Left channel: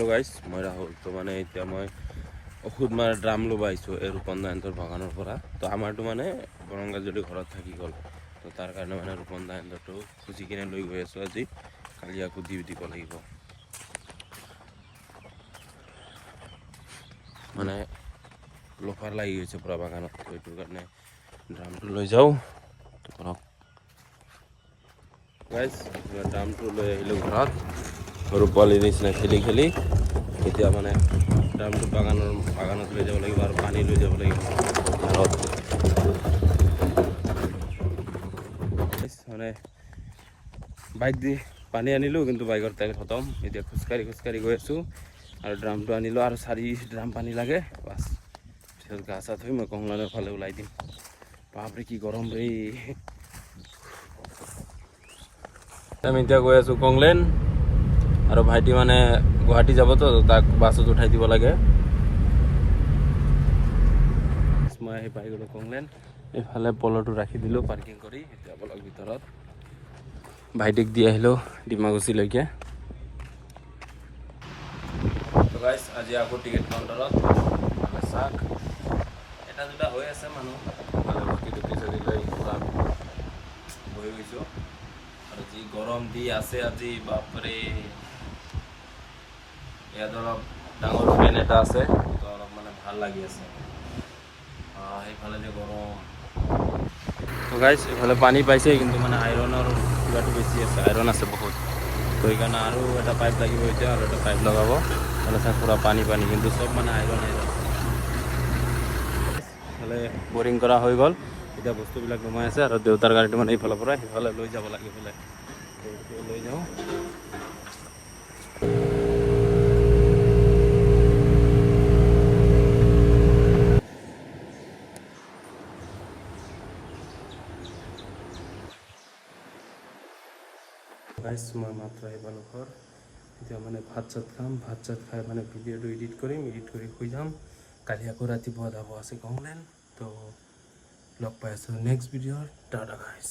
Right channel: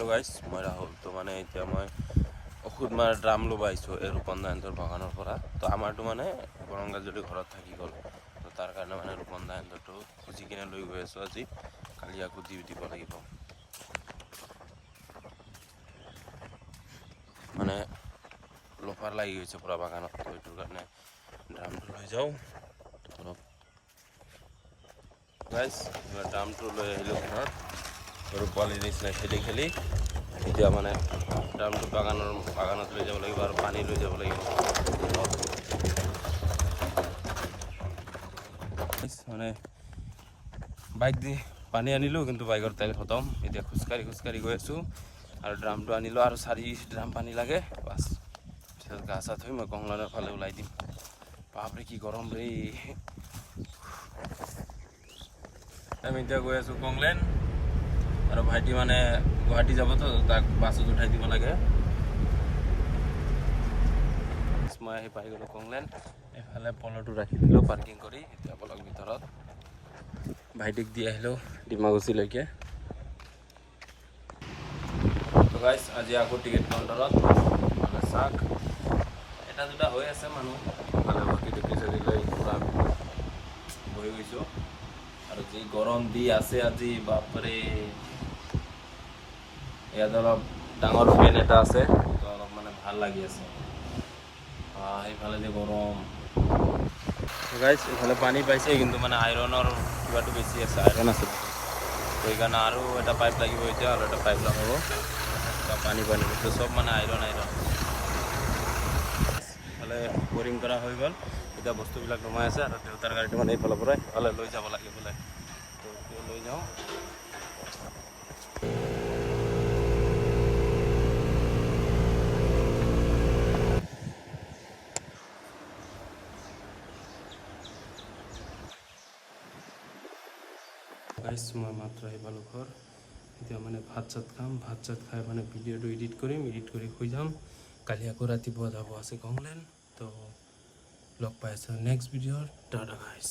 Hello' guys, মই ৰাহুল। তো মানে এতিয়া মই ঔষধ মাৰা ড্ৰাম ল'ব আহিছোঁ এই ৰূপন দাহঁতৰ বাগানৰ পৰা। তো আমাৰতো মানে বৰংগা যদি ঘৰত থাকি গ'ল, তো তাৰ কাৰণে মানে ৰূপন দাহঁতৰটো খুজি কিনে লৈ গৈ আছোঁ আজি। কালি আকৌ দিব লাগিব। মানে লোফাৰ লাগি গৈছে পুৰা বাগানত, তো এইটোৰ কাৰণে ড্ৰামটো লৈ যাওঁ। গাইজ, ড্ৰামটো লৈ আহিলোঁ ঘৰত। সৰু পোৱালিৰ নিচিনা খেলি খেলি এতিয়া মানে ড্ৰামটো বাগানত লৈ যাব লাগিব আৰু পানী লৈ যাব লাগিব ঘৰত। মানে বাইক দি পানী আনিলোঁ, কিন্তু বাইকৰ তেল খতম। এতিয়া খোজকাঢ়ি গৈ আছোঁ আৰু ড্ৰামটো আনিলোঁ আৰু 4 ড্ৰাম পানী লাগে বাছ। পিছত গা চা ধুই মই কংলানৰ ফালে ওলাই দিম। বাপৰে কি গৰম ৰে। আমি এতিয়া গৈ আছোঁ কংলেন, আৰু ভাইটি মানে গুৱাহাটী যাবতো, তাক বাছত উঠাই দিব লাগে। মই আহি পাই গ'লোঁ কংলেন। এইফালে পলটো ৰাখি দিলোঁ পাৰ্কিং কৰি। এতিয়া বলক ভিতৰত। ভাইটিক দি আহিলোঁ ডিমাকুছিলৈকে। গাইজ, আজি আকৌ টিকেট কাউণ্টাৰত চাওক এটা দুটা হৈ আছে মানুহ, বাকী টিকেট লৈ পূৰা বহি গৈছোঁ। আৰু যি গৰম দি আছে আজি, বাপৰে। ইয়াত অলপ ডাঙৰ ফেন এটা আছে, তো অলপ মানে ভাল লাগি আছে। সেইফালে যে গৰম। গাইজ, ইফালে পানী পাইছে, কিন্তু মানে আইৰণৰ কিবাটো বেছি আছে, আইৰণ আছে বহুত। সেইকাৰণে আৰু এটা পাইপ লাগিব এতিয়া, আৰু এটা পাইপ লগাব। মানে পূৰা পানী কিন্তু চব মানে আইৰণ। ইফালে বৰিং কৰা হৈ গ'ল, এতিয়া বস্তুবিলাক নমাই আছে, আৰু দেউতাৰ গাড়ীটো মানে এইফালৰ পৰা সিফালে লৈ যাব লাগে বোলে। লৈ যাওঁ। গাইজ, মই মাত্ৰ আহি পালোঁ ঘৰ। এতিয়া মানে ভাত চাত খাম, ভাত চাত খাই মানে ভিডিঅ'টো এডিট কৰিম, এডিট কৰি শুই যাম। কালি আকৌ ৰাতিপুৱা যাব আছে কংলেন। তো লগ পাই আছোঁ নেক্সট ভিডিঅ'ৰ। টাটা গাইজ।